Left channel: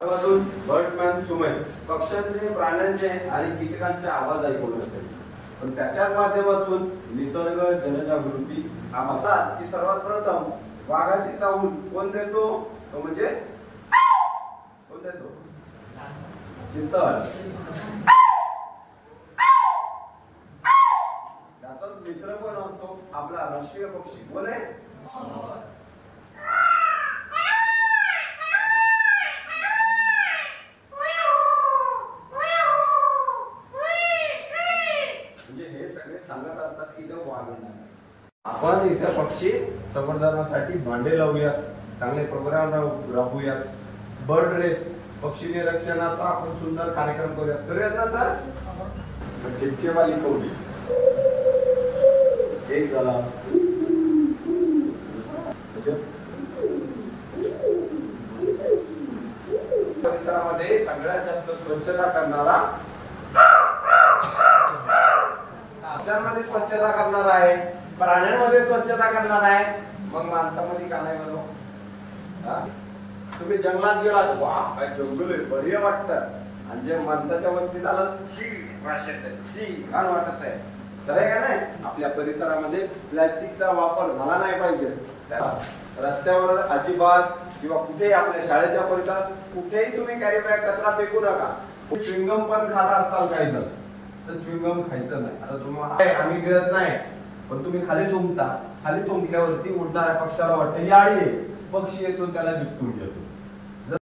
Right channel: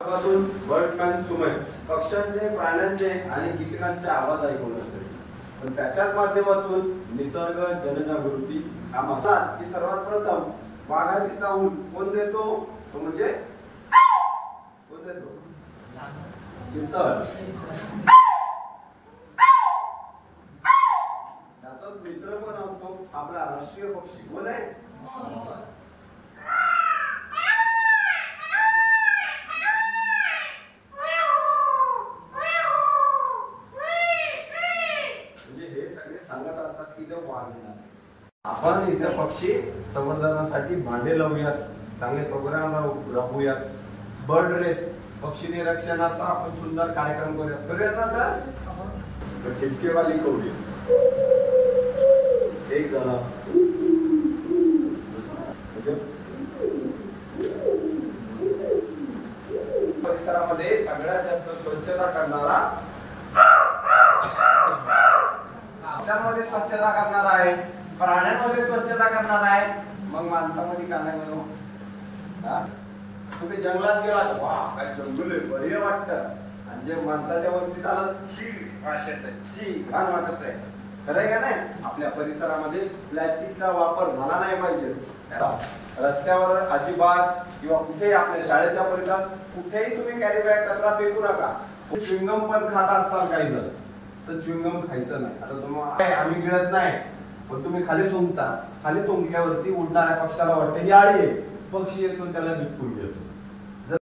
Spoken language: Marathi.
बर्डमॅन सुमय पक्ष्यांचे, प्राण्यांचे आणि कीटकांचे आवाज ऐकू शकते. पण त्याच्याच माध्यमातून निसर्ग जनजागृती हा म्हणतात की सर्वात प्रथम वाघाची चाहूल कोण देतो? तो म्हणजे कोण देतो? चितळ. त्याचाच मित्र पण असतो आपला राष्ट्रीय पक्षी कोण आहे? सांगत असतात की ते वाघ येणार. आपण इथे पक्षी संवर्धनासाठी भांडे लावूयात, चांगले प्रोग्राम राबवूयात. बर्ड रेस पक्षी निरीक्षणाचा आपण सुंदर कार्यक्रम करूयात ना सर? ठिपकेवाली कवडी एक झाला. परिसरामध्ये सगळ्यात जास्त स्वच्छता करणारा पक्ष्यांमध्ये स्वच्छता करणार आहे, प्राण्यांमध्ये स्वच्छता करणार आहे, मग माणसामध्ये का नाही म्हणलो? तुम्ही जंगलात गेलात, वा काय जंगल आहे, बरे वाटतं. आणि जे माणसाच्या वस्तीत आलं शी घाण वाटत आहे. खरं आहे का नाही? आपल्या परिसरामध्ये प्लास्टिकचा वापर झाला नाही पाहिजे. रस्त्यावर अजिबात किंवा कुठेही आपल्या शाळेच्या परिसरात कुठेही तुम्ही कॅरी बॅग कचरा फेकू नका. च्युइंगम पण खात असताल काही जण, तर च्युइंगम खायचं नाही. आता तुम्हाला आम्ही गिळत नाही, पण तुम्ही खाली तुंबता. खाली तुंबल्यावरती उडणाऱ्या पक्षाला वाटते ही आळी आहे, पक्षी येतो त्याला निपटून घेतो.